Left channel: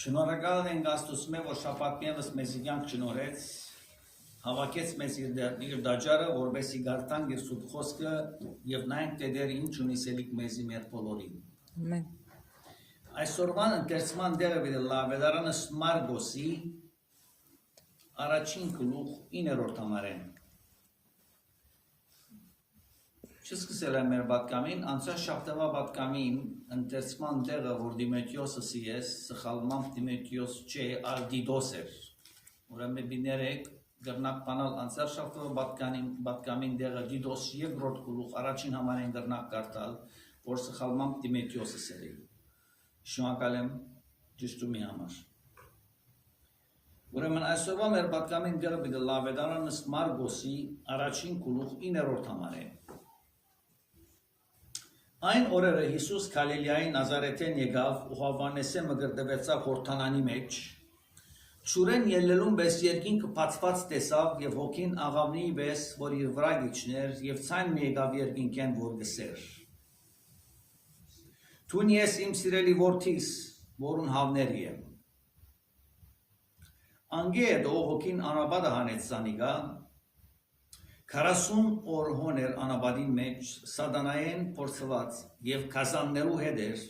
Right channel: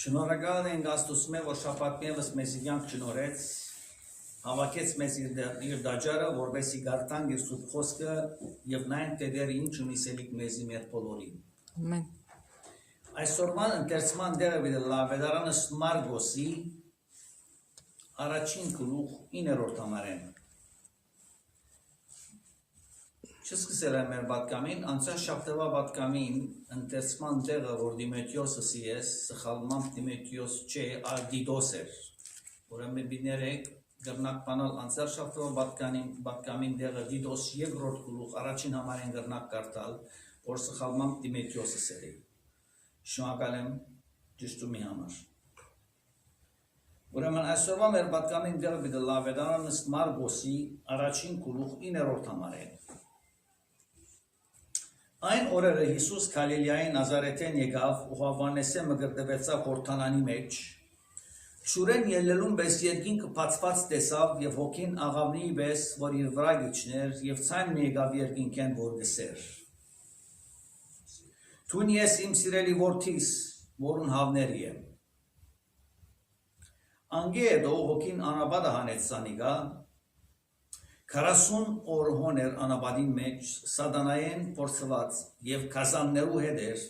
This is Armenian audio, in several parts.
Շնորհակալ ենք Աստծուն, որ շաբաթներս մեզ կյանք շնորհեց, հավաքեց մեզ իր դաջարը, որովհետեւ գարտանք իր սուրբ խոսքը եւ նայենք թե դեր ինչ ունի սելիկ մեզի մեր բոլորին։ Amen. Այսօրվան ընթերցման դերը վիդե լավեդարանս Մարգոսի առաջին գլուխ 9-րդ համարեն։ Չսկսել եմ մեր պատկամին, անցյալ շաբթվա պատկամին ընթերցման դերը, որ Դիմետրիոսը սիես, սխալմամբ Դիմետրիոս չէ, այլ Դիդոս էր։ Ուրեմն բիներեք գրնակ բանալ անցյալ շաբթվա պատկամին դերը Դիդոս երկրորդ գլուխ առաջին համարեն գրնակ կարտալ, որ սխալմամբ Դիմետրիոսը սերի։ Շնորհակալ եմ ճշտումի համար։ Ուրեմն այսօրվա մեր պատկամին դերը բիդե լավեդարանս Մարգոսի առաջին գլուխ 9-րդ համարեն։ Այն օրերը Հիսուս Գալիլեայի Նազարեթեն եկավ ու Հովհաննեսը մգրտվեցավ Հորդանանի մեջ։ Շուրեն ելնելուն պես երկինքը բացված տեսավ եւ հոգին աղավնի պես, որ իր վրա գիչներ եւ ցայն մի եկավ երկինքեն որ գսեր։ Տուն ես իմ սիրելի որդիս, որուն հավների եմ։ Անգեդո հոգին անաբադը հանեց սանիգա 40 օր հոներ անաբադին մեջ սատանայեն փորձված եւ կազաններու հետ էր,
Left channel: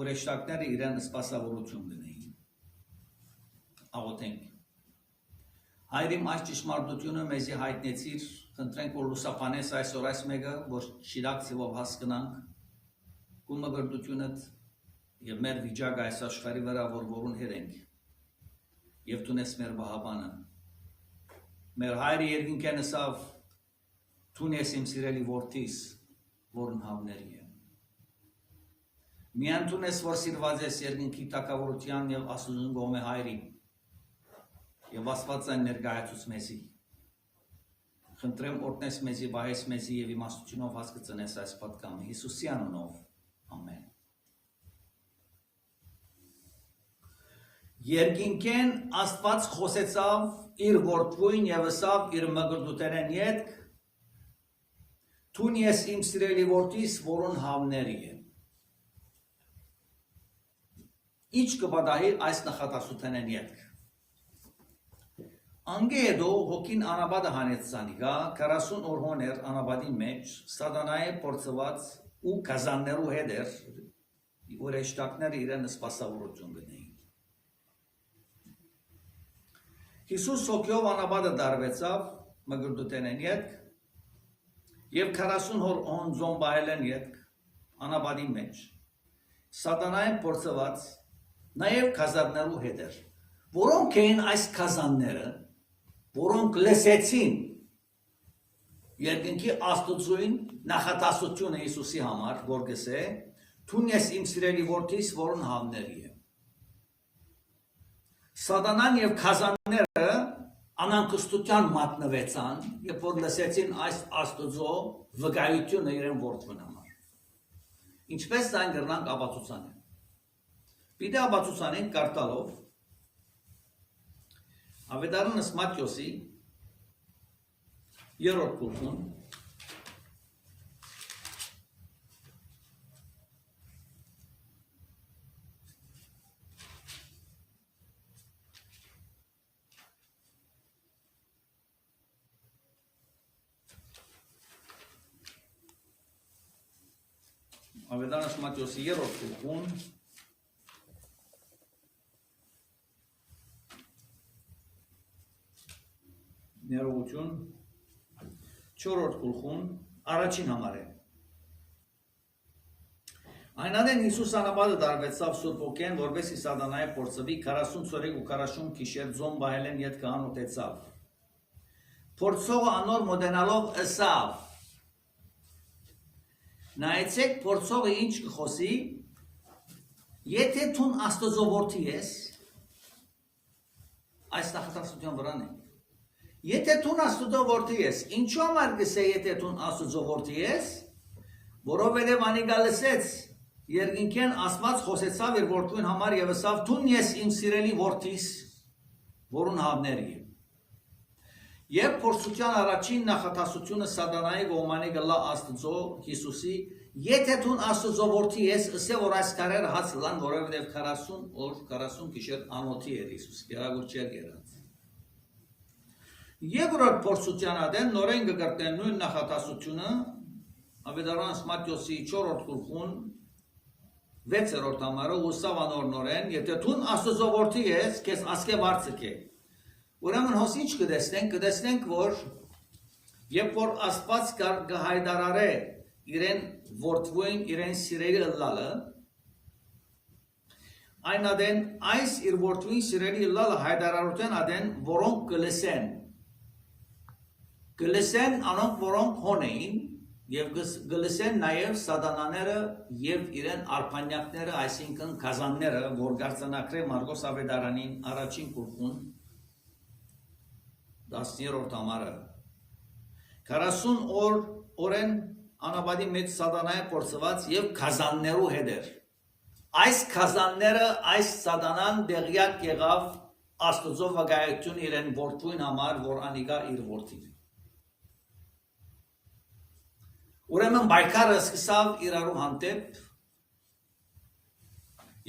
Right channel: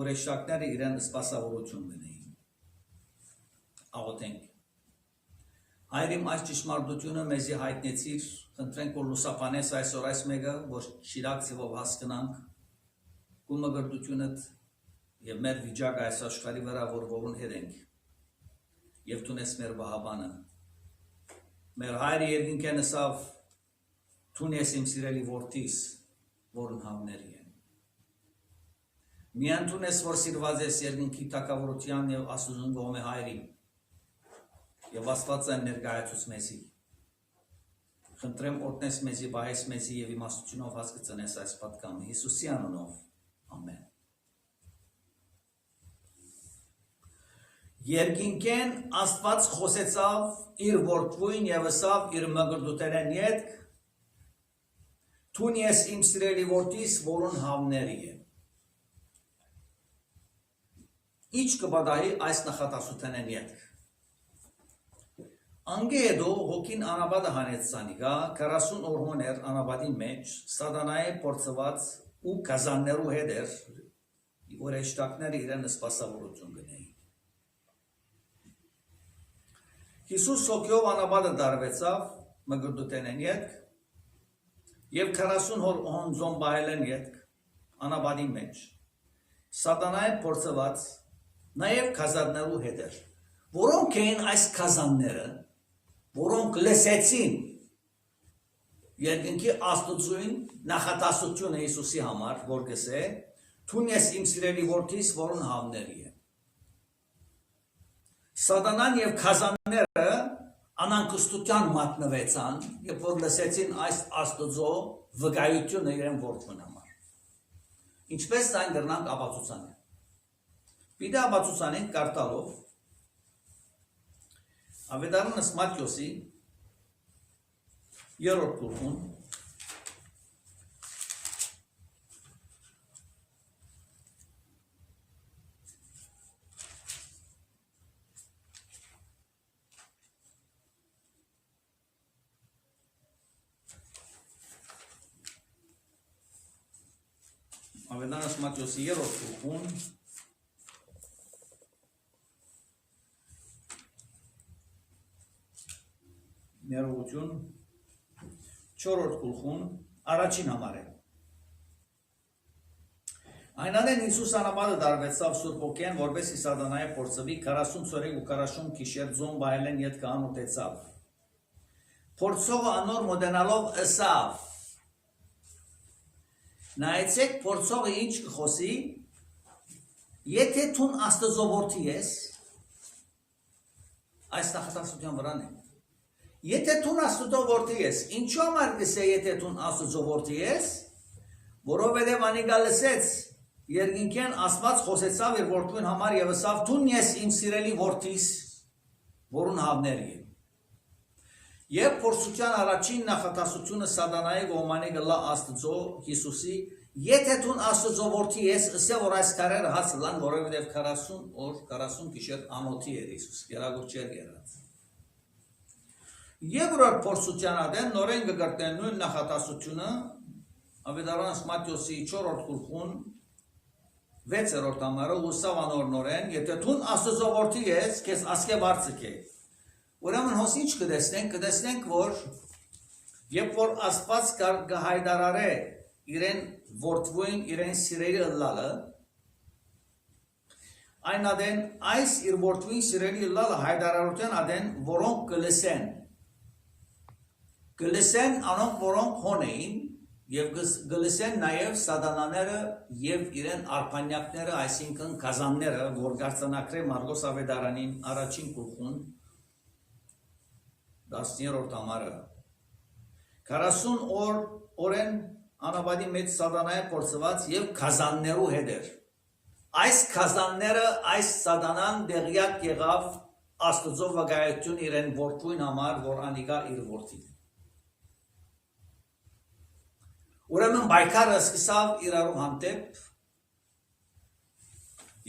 որ էշտակները իրեն սպասավորություն գնեին։ Աղոթենք։ Հայրիմ այս ճշմարտությունը մեզի հայտնեցիր, խնդրենք որ լուսապանես այսօր այս մեկը, որ շիրակցիվով հասկանանք գումագրդությունդ եւ մեր վիճակը այս աշխարհի վրա որուն հետ ենք։ Եվ տունես մեր բահաբանը։ Մեր հայրը երկինքեն ասավ Տունես իմ սիրելի որդիս, որն հավների եմ։ Միան տունես, որ սիրված ես երկինքի տակավորության եւ Աստծուն գոհ է հայրին։ Եվ Աստված այն ներկայացուց մեզի։ Խնդրեմ օրտնես մեզի, բայես մեզի եւ իմաստությունով հասկացնես այս պատկամը Հիսուսի անունով։ Ամեն։ Երկինքեն Աստված խոսեցավ իր որդվույն եւ ասավ իր մգրդութերեն յետք Տուն ես իմ սիրելի որդիս, որուն հավների եմ։ Ինչ կպատահի այս նախատասութենեն յետք։ Անգեդո հոգին անաբադը հանեց սանիգա 40 օր հոներ անաբադի մեջ սատանայի փորձված ու կազաններու հետ էր, որ էշտակները իրեն սպասավորություն գնեին։ Հիսուս հոգյով անաբադը դարվեցավ մգրդութենեն յետք Եվ 40 օր օնձոն բայելեն յետք անաբադի մեջ սատանային փորձված նաև կազաններու հետ էր որոնք էին այս կազանները որոնք լսեցին երկինքի Աստծուն նախատասությունը Հիսուսի համար որ գսե Տուն ես իմ սիրելի որդիս որուն հավների եմ Սատանան եւ կազանները Անանկստության մատնվեցան, երբ որ լսեցին այս Աստծո վկայությունը իրեն որդուն համար։ Ինչպես այն գրնանք ապացուցանել։ Պիտի ապացուցանենք կարտալով Ավետարանս Մատթեոսի 3-րդ գլուխում Ավետարանս Մատթեոսի 3-րդ գլուխում ներողություն 4-րդ գլուխում առաջին համար է Այնադեն Հիսուս անաբադը դարվեցավ Սուրբ Հոգեն, որպեսզի սատանայի փորձվի 40 ցորեկ ու 40 գիշեր ձոն բայելեն յետ կանուտեցավ Փորձողը անոր մոդենալով ըսավ Նայեցեք փորձողը ինչ կխոսի, եթե տուն Աստծո որդի ես, այս նախատասության վրան է, եթե տուն Աստծո որդի ես, ինչու համար գսե եթե տուն Աստծո որդի ես, որովհետև անիկա լսեց, երկինքեն Աստված խոսեցավ իր որդուն համար եւ ասավ տուն ես իմ սիրելի որդիս, որուն հավների եմ։ Եվ փորձության առաջին նախատասությունը սատանայի գոմանի գլա Աստծո Հիսուսի Եթե դու Աստծո որդի ես, ասե որ այս քարերը հաց լան, որովհետև 40 օր 40 գիշեր անոթի էր Հիսուս, գերագույն չէր եղած։ Երկրորդ փորձության ադեն նորեն կգտնեն նույն նախատասությունը Ավետարանս Մատթեոսի 4-րդ գլխուն 6-րդ համարը ուսավ անոր նորեն, եթե դու Աստծո որդի ես, քեզ ասկե վարձկե։ Ուրեմն հոս ինչ կտեսնենք, որ երբ որ Աստված կհայտարարե իրեն որդվույն իրեն սիրելի լալը, այն ադեն այս իր որդվույն սիրելի լալը հայտարարության ադեն որոնք կլսեն անոնք որոնք հոն էին եւ կլսեն նաեւ սատանաները եւ իրեն արփանյակները, այսինքն կազանները, որ գարցանակրե Մարգոս Ավետարանին առաջին գլխուն 10-րդ համարը 40 օրեն անաբադի մեջ սատանայը փորձված եւ կազաններու հետ էր։ Այս կազանները, այս սատանան դեղյակ եղավ Աստծո վկայություն իրեն որդվույն համար, որ անիկա իր որդին է։ Ուրեմն բայկարը սկսավ իրարու հանդեպ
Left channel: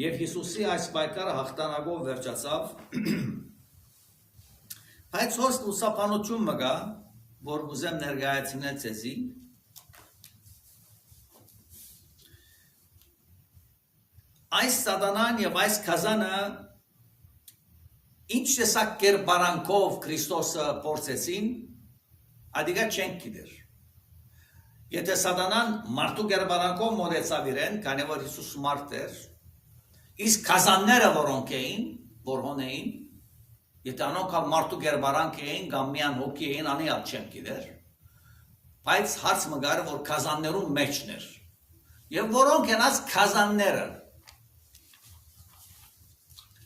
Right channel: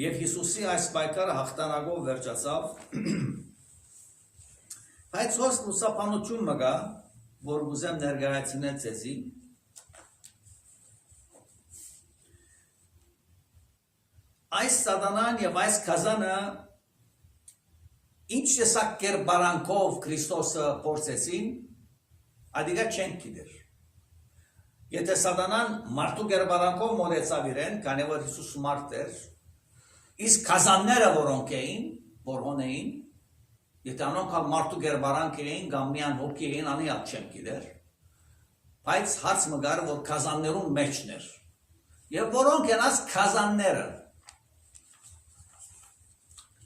եւ Հիսուսի այս բայկարը հաղթանակով վերջացավ։ Բայց հոս լուսապանություն մգա, որ ուզեմ ներկայացնել ցեզի։ Այս սատանան եւ այս կազանը ինչ տեսակ կերպարանքով Քրիստոսը փորձեցին, ադիգա չեն գիտեր։ Եթե սատանան մարդու կերպարանքով մոտեցավ իրեն, քանի որ Հիսուս մարդ էր, իսկ կազանները որոնք էին, որ հոնեին, եթե անոնք մարդու կերպարանք էին, կամ միան հոգի էին, անիալ չեն գիտեր։ Բայց հարց մգար, որ կազաններուն մեջն էր։ Եվ որոնք են այս կազանները։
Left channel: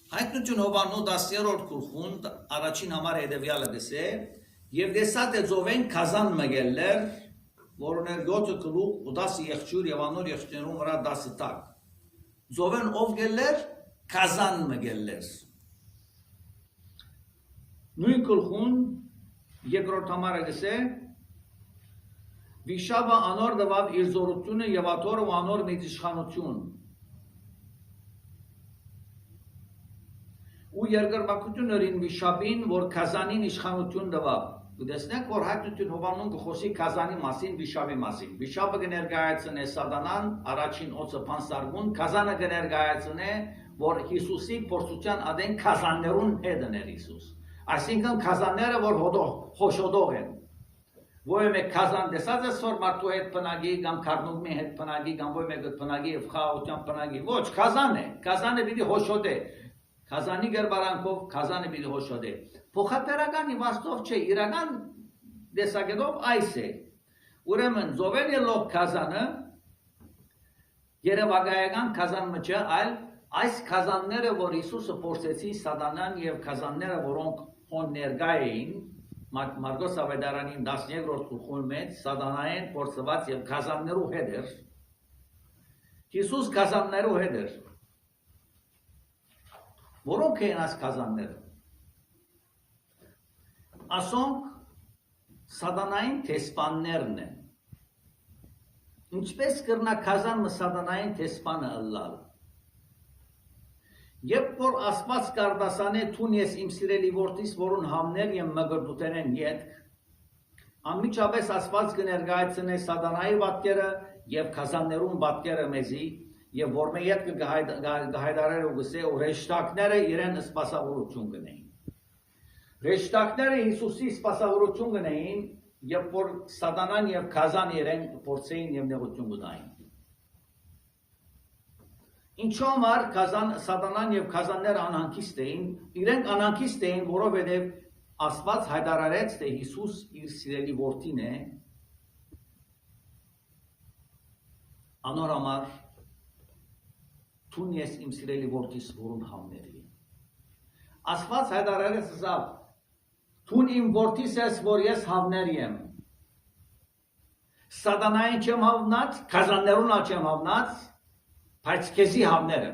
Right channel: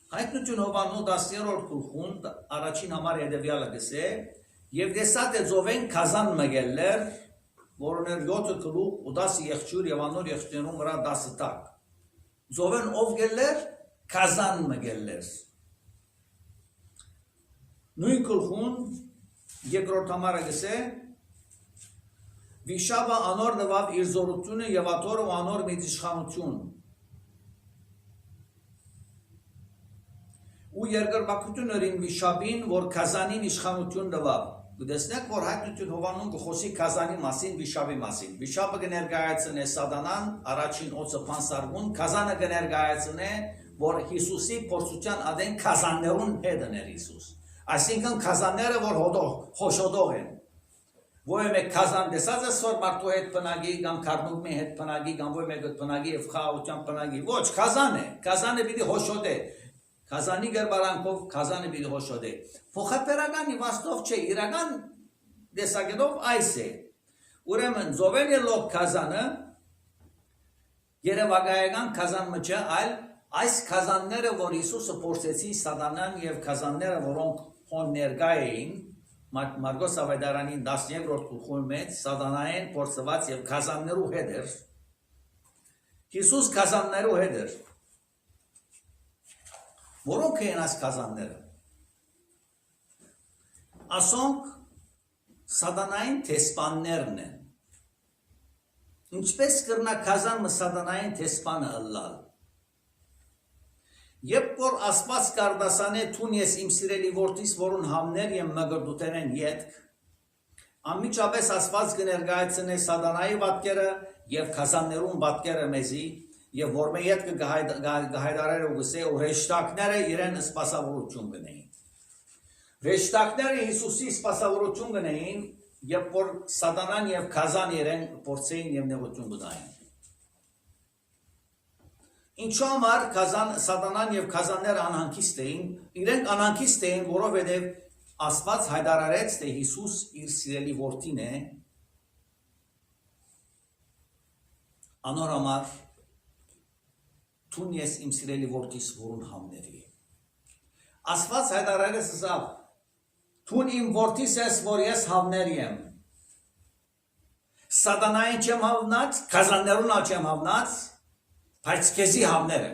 Հայտնություն Հովաննու 10-րդ գլխուն առաջին համար հետևյալը գսե եւ դեսած է ծովեն կազան մգելներ, որոներ 7 գլուխ ու 10 եղջյուր եւ անոր եղջյուրներու վրա 10 տակ։ Ծովեն ով գելներ կազան մգելներ։ Նույն գլխուն երկրորդ համարը գսե Վիշապը անոր նվավ իր զորությունը եւ աթորը ու անոր մեծ իշխանություն։ Ու երկրպագություն өрին վիշապին, որ կազանին իշխանություն տվավ։ Գտեսնեք, որ հայտնություն Հովանուն գխոսի կազանի մասին, վիշապի մասին։ Վիշապը կներկայացնե սատանան, առաջին օծը փանսարգուն, կազանը կներկայացնե, որ Հիսուսի փորձության ադեն կազաններուն հետն էր Հիսուս։ Այսինքն կազանները, որ խոշոտող են։ Ոյ մեկ կազան տեսած է սոր մարդու հետ բնագի, կամ քարնուգմի հետ բնագի, կամ ոյ մեկ բնագի եւ խաղաղության բնագի։ Ոչ, կազանը պիտի խոշոտե։ Կազանի գերբարանքով կազանը պիտի հոշոտե։ Փոխաբերական իմաստով չէ, իրական տեսակետով այս է։ Ուրեմն զովել ելող կազանը երևակայական կազան մը, այլ այս կազանները, որ Հիսուսը փորձեցին սատանան եւ կազանները, որոնք հոն ներկա էին, Մարգոս Ավետարանին 10-րդ գլխում մեջ սատանային փորձված եւ կազաններու հետ էր։ Հիսուս կազաններու հետ էր։ Որոնք են այս կազանները։ Ասոնք սատանային տեսպաններն են։ Ինչպես կրնա կազան մը սատանային տեսպանը ըլլալ։ Երբ որ Աստված կարդասանե թուն ես իմ սիրելի որդիս, որուն համներ եմ մգրդութեն ետք, անմիջապես Աստված կներկայացնե սատանայի պատկերը եւ կազաններուն պատկերը մեզի, եւ որ մե յետ կհայդարեր ու գսե ու ռեշտակները իրեն սպասավորություն կնեին։ Ռեշտակները Հիսուսի սպասավորություն կնեին, երբ որ սատանան եւ կազան իրեն փորձեին եւ նեղություն կնային։ Ինչու համար սատանան եւ կազանները անհանգիստ էին, իրենք անհանգիստ էին, որովհետեւ Աստված հայտարարեց, թե Հիսուս իր սիրելի որդին է, անոր համար թուն ես իմ սիրելի որդիս, որուն համների։ Աստված հայտարարեց ասավ, թուն իմ որդիս ես, որ ես համների եմ։ Սատանային չեմ հավնած, կազաններուն ալ չեմ հավնած, բայց քեզի համները։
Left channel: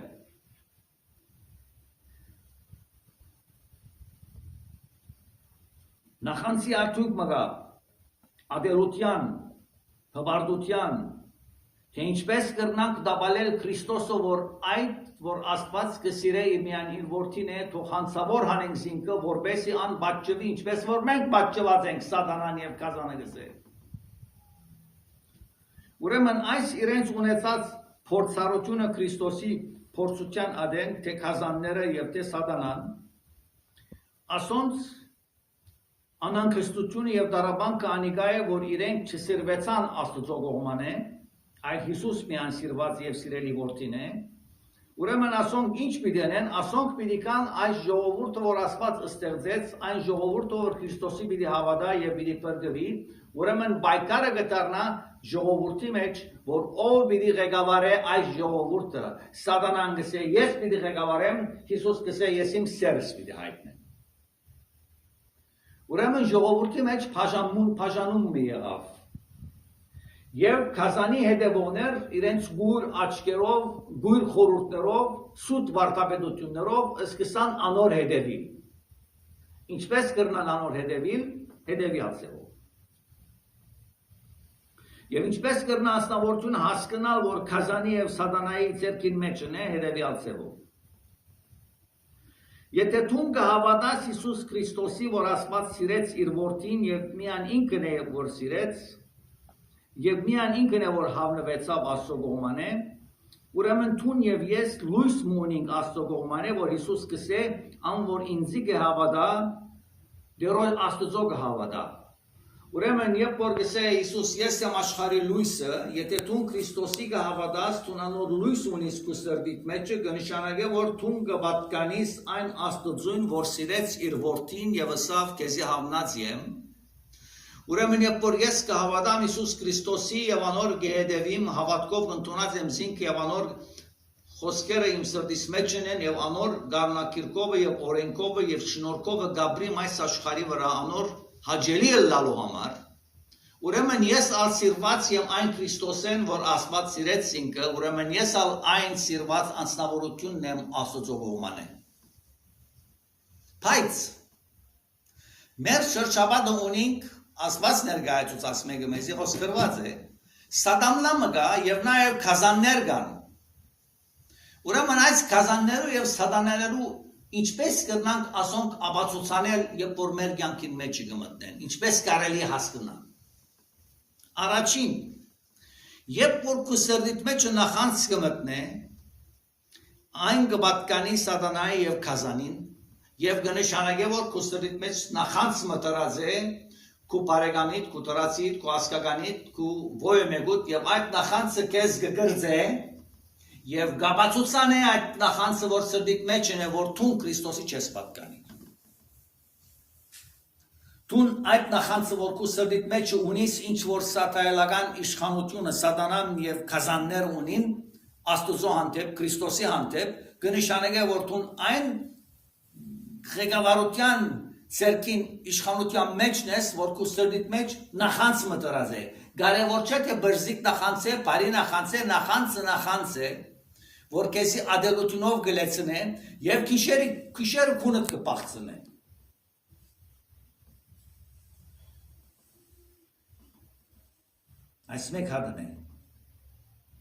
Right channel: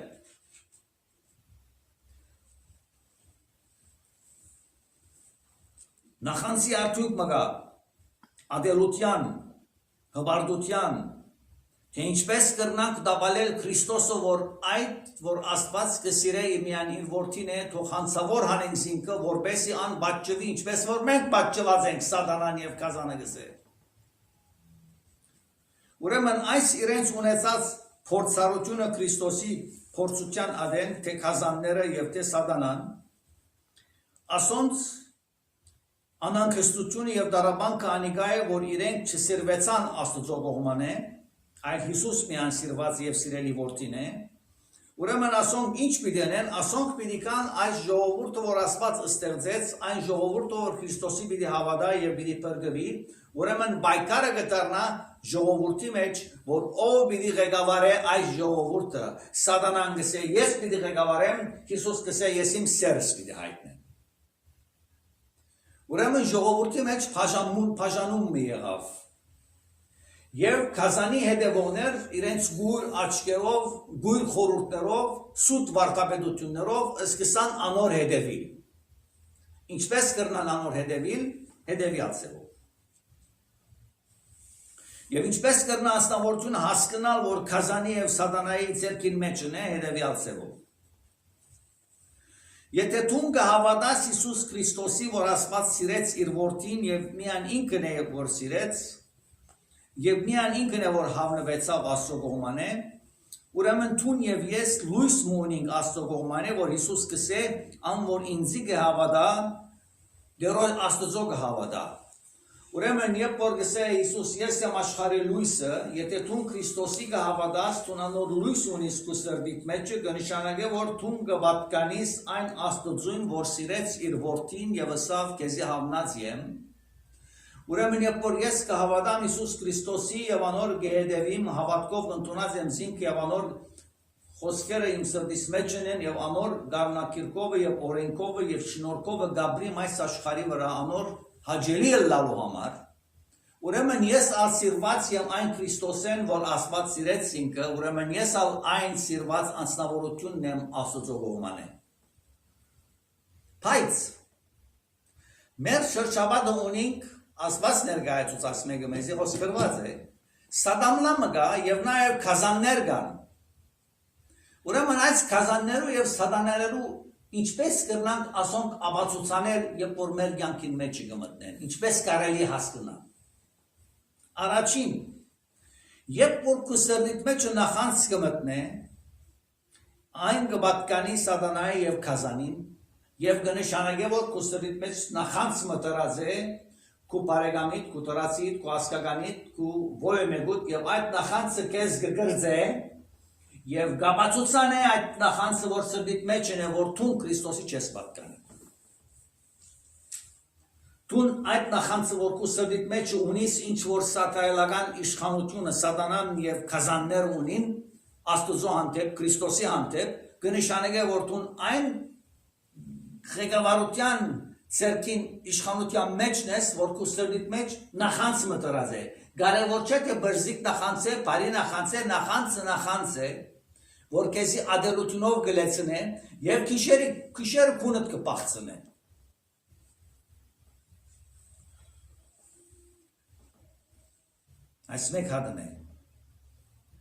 Նախանցի արդյունք մգա, ադերության, հբարդության, թե ինչպես կրնանք դաբալել Քրիստոսը, որ Աստված կսիրե միան իր որդին է, թող հանցավոր հանենք զինքը, որբեսի ան բաճվի, ինչպես որ մենք բաճված ենք Սատանան եւ Կազանը գսե։ Ուրեմն այս իրենց ունեցած փորձառությունը Քրիստոսի փորձության ադեն, թե Կազանները եւ թե Սատանան, ասոնց անանքստությունը եւ դարաբանքը անիկա է, որ իրենք չսիրվեցան Աստծո կողմանը, այլ Հիսուս միան սիրված եւ սիրելի որդին է, ուրեմն ասոնք ինչ պիտի անեն, ասոնք պիտի կան այս ժողովուրդը, որ Աստված ստեղծեց, այն ժողովուրդը, որ Քրիստոսի պիտի հավատա եւ պիտի պրգվի, ուրեմն բայկարը գտարնա ժողովրդի մեջ, որ ով պիտի ղեկավարե այս ժողովուրդը, Սատանան գսե, ես պիտի ղեկավարեմ, Հիսուս գսե, ես իմ սերս պիտի հայտնեմ։ Ուրեմն ժողովրդի մեջ բաժանում մի եղավ։ Եվ Կազանի հետևողներ իրենց գույր աչքերով, գույր խորհուրդներով, սուտ վարդապետություններով սկսան անոր հետևիլ։ Ինչպես կրնան անոր հետևիլ, հետևյալ ձևով։ Եվ ինչպես կրնա ասնավորությունը հասկանալ, որ Կազանի եւ Սատանայի ձեռքին մեջն է, հետևյալ ձևով։ Եթե դու կհավատաս Հիսուս Քրիստոսի, որ Աստված սիրեց իր որդին եւ միան ինքն է, որ սիրեց, եւ միան ինքն է, որ հավնվեցավ Աստծո կողմանը, ուրեմն թուն եւ ես լույս մունենք Աստծո կողմանը, որ Հիսուս կսե, ան որ ինձի կհավատա, դերոյ Աստծո կհավատա։ Ուրեմն երբ որ գսե Հիսուս ես եմ աշխարհի լույսը, եթե դու Քրիստոսի կհավատաս, դու անոր լույս ունես քո սրտիդ մեջ, կնշանակե որ դու կպատկանես այն Աստծուն, որ սիրեց իր որդին եւ ասավ քեզի հավնած եմ։ Ուրեմն երբ որ ես կհավատամ Հիսուս Քրիստոսի եւ անոր կհետևիմ, հավատքով ընդունած եմ զինք եւ անոր խոսքերը իմ սրտիս մեջ են եւ անոր գառնակիրկովը եւ օրենքովը եւ շնորհքովը գաբրիմ այս աշխարհի վրա անոր հաջելի լալու համար, ուրեմն ես ալ սիրված եմ այն Քրիստոսեն, որ Աստված սիրեց ինքը, ուրեմն ես ալ այն սիրված անձնավորությունն եմ Աստծո կողմանը։ Բայց մեր շրջապատը ունենք Աստված ներկայացուցած մեկը մեզի խոսքրված է, Սատանլամը կա եւ նաեւ Կազաններ կան։ Ուրեմն այս Կազաններու եւ Սատանաներու ինչպես կրնանք ասոնք ապացուցանել, երբ որ մեր կյանքին մեջ կմտնեն, ինչպես կարելի հասկանալ։ Առաջին, երբ որ քո սրտիդ մեջ նախանց կմտնե, այն կպատկանի Սատանայի եւ Կազանին, եւ կնշանակե որ քո սրտիդ մեջ նախանց մտրած է, քո բարեկամիդ, քո տրածիդ, քո ասկականիդ, քո ողեմեգուտ եւ այդ նախանցը քեզ կգրձե եւ գաբացուցան է այդ նախանցը, որ սրտիդ մեջ է, որ դու Քրիստոսի չես պատկանի։ Դու այդ նախանցը, որ քո սրտիդ մեջ ունիս, ինչ որ սատանայական իշխանությունը, Սատանան եւ Կազաններ ունին, Աստծո հանդեպ, Քրիստոսի հանդեպ, կնշանակե, որ դու այն ղեկավարության ցերքին իշխանության մեջն ես, որ քո սրտիդ մեջ նախանց մտրած է։ Կարևոր չէ թե բրզիկ նախանց է, բարի նախանց է, նախանց է, որ քեզի ադելությունով գլեցնեն եւ քիշերը քունդ կփախցնեն։ Այս մեկ հատն է։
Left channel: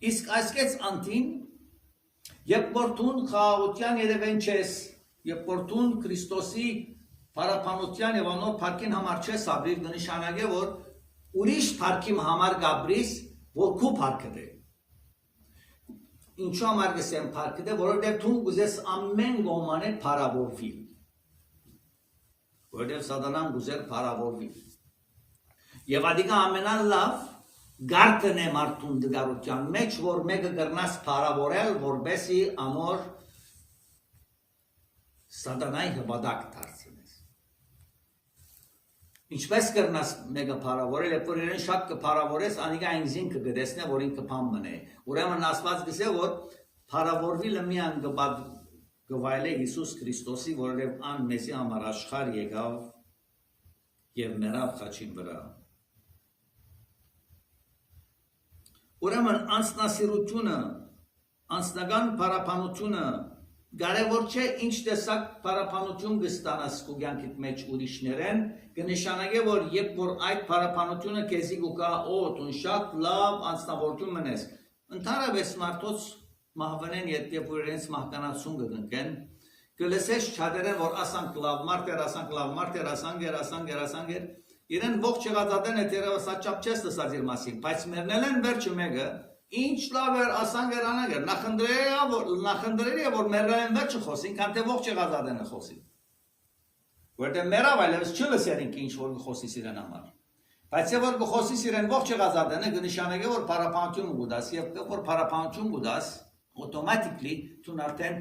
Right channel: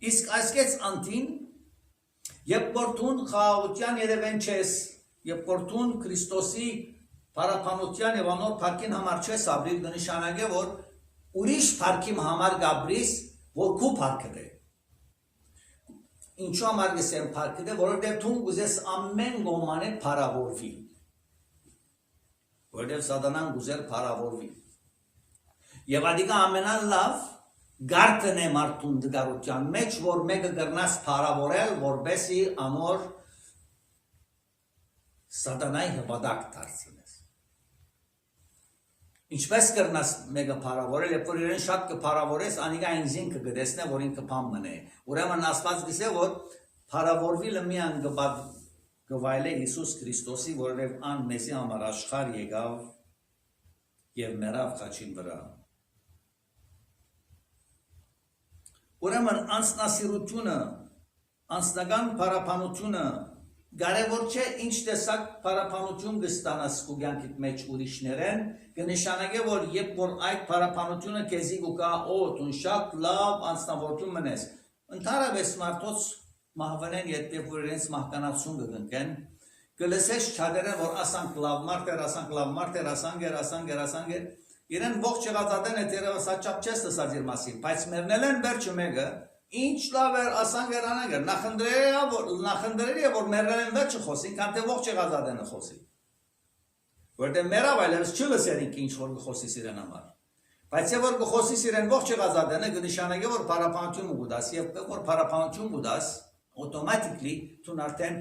Իսկ այսքեց անտին, երբ որ դու խաղաղության երևեն չես, երբ որ դու Քրիստոսի Պարապանության եւ անոր փառքին համար չես ապրիլ, կնշանակե որ ուրիշ փառքի համար գաբրիս, որ քո փառքը է։ Ինչու համար գսեմ փառքը է, որովհետեւ դու ուզես ամեն գոմանը փառավորվի։ Որովհետեւ Սատանան ուզեր փառավորվի։ Եվ ադիկա ամենալավ գարտն է մարդուն դգարության մեջ, որ մեկը կրնաս փառավորել, որբեսի անոր Սատանայի հպատակ դարձնես։ Ինչպես կրնաս մեկը փառավորել, երբ որ իրեն շատ կփառավորես, անիկա ինքին կգտեսնե, որ ինքը փամ մնե։ Ուրեմն Աստված գսե, որ փառավորվելը միան գվայել է Հիսուս Քրիստոսի, որովհետև ան մեզի համար աշխարհ եկավ եւ մեռավ խաչին վրա։ Ուրեմն անձնասիրությունը, անձնական փառապանությունը կարևոր չէ ինչ տեսակ փառապանություն կստանաս քո կյանքիդ մեջ ուրիշներեն, կնշանակե որ երբ որ այդ փառապանությունը քեզի կա, դու շատ լավ անձնավորություն մնես, Ընդհանրապես մարդոց մահվանեն եթե որ իրենց մահկանացուն կգնքեն կլսես չադերեն որ ասանք լավ մարդեր ասանք իրեն ողջ եղածադեն է տերևս աճապ չես լսած իր մասին բայց մերնել են վերջը մեկը ինչ լավ էր ասանք անանգեր նախնդրելի է որ մերնել են վերջը խոսին քան թե ողջ եղածադենը խոսի որտեղ մերավ այլևս չլսերինք ինչ որ խոսիս իրեն համար բայց եւ որ խոսիս իրեն ողջ եղածադենը կնշանակի որ փարապանություն ուդաս եւ որ փարապանություն ուդաս automatically դու արդեն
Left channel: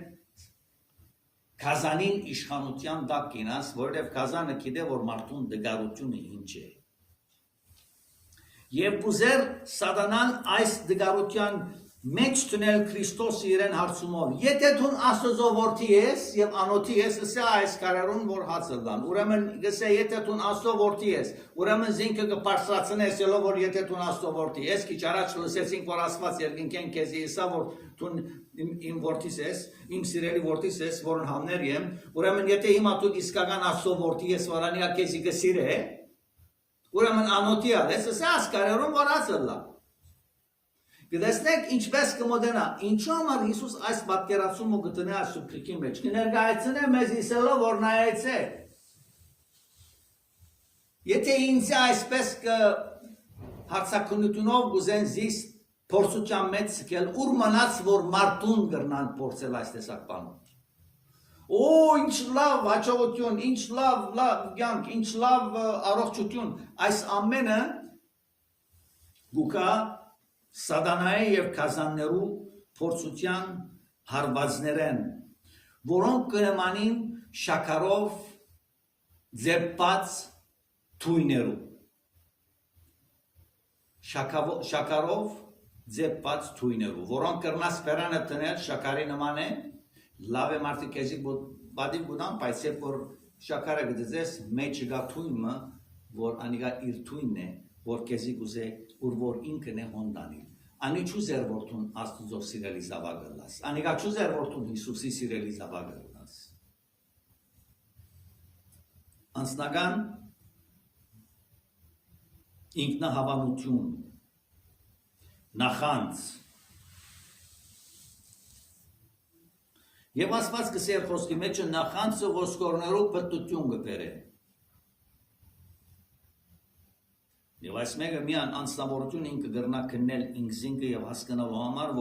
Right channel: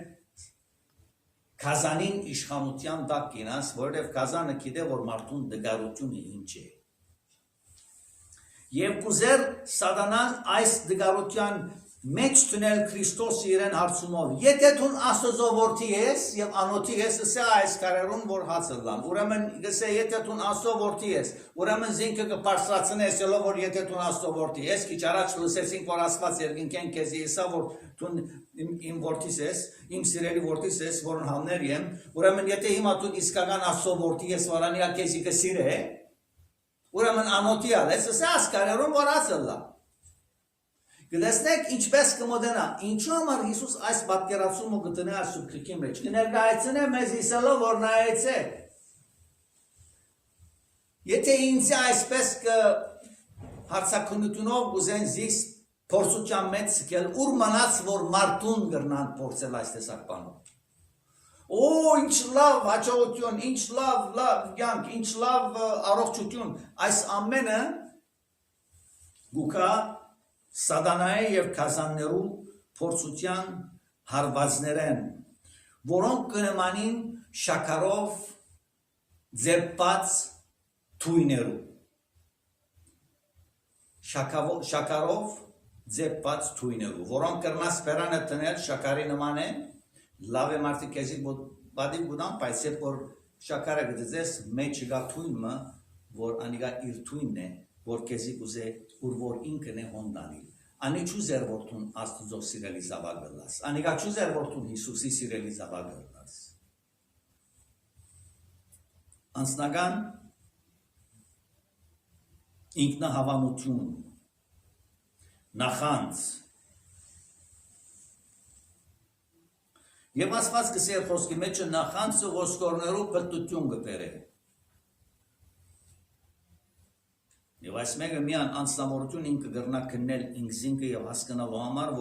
Kazanın işğanutyan daq ginas, որովհետև Kazանը գիտե որ մարդուն դգարությունը ինչ է։ Եվ կուզեր սատանան այս դգարության մեջ տնել Քրիստոսի իրեն հարցումով։ Եթե դու Աստծո որդի ես եւ անոթի ես, ասա այս կարերուն որ հացը լան։ Ուրեմն գսե եթե դու Աստծո որդի ես, ուրեմն զինքը կպարսացնես ելով որ եթե դու Աստծո որդի ես, քիչ առաջ լսեցինք որ Աստված երկինքեն քեզի իսա որ դու իմ որդիս ես, իմ սիրելի որդիս ես, որն համներ եմ, ուրեմն եթե հիմա դու իսկական Աստծո որդի ես, վրանիա քեզի կսիրե, ուրեմն անոթի ես, ասա ասկարերում որ ասելա։ Գտեսնեք ինչպես կմոդենա, ինչու համար Հիսուս այս պատկերացումը գտնի այս սուբկրիկի մեջ, կներկայացնե մեզ իսելով որ նայեցեք։ Եթե ինձ այսպես հարցակնությունով գուզեն զիս փորձության մեջ սկել, ուր մնաց որ մարդուն գրնան փորձել այս տեսակ բանով։ Օ, ինչ լավ հաջողություն, ինչ լավ կյանք, ինչ լավ առողջություն, այս ամենը գուկա սատանայի եւ Kazanներու փորձության հարվածներեն, որոնք կնմանին շաքարով ձեպած թույներու։ Շաքարով ձեպած թույներու, որոնք կրնաս պերանը տնել շաքարի նման է, լավ է մարդիկ եզի բադիվ գուդան, բայց երբ որ շաքարը գծես մեջ գա թույնը, որ անիգա իր թույնն է, որ քեզի գուզե ուր որ ինքն է հոնդանիլ։ Անի չուզեր որ դու Աստծո սիրելի զավակը լաս։ Անիգա չուզեր որ դու Հիսուսի սիրելի զավակը լաս։ Անձնական ինքնահավանություն, նախանձ եւ Աստված կսեր խոսքի մեջ նախանձը ոսկորներու պտտություն կբերե։ Եվ այս մեկը միան անձնավորություն ինքը գրնա քննել ինքզինքը եւ հասկանալու համար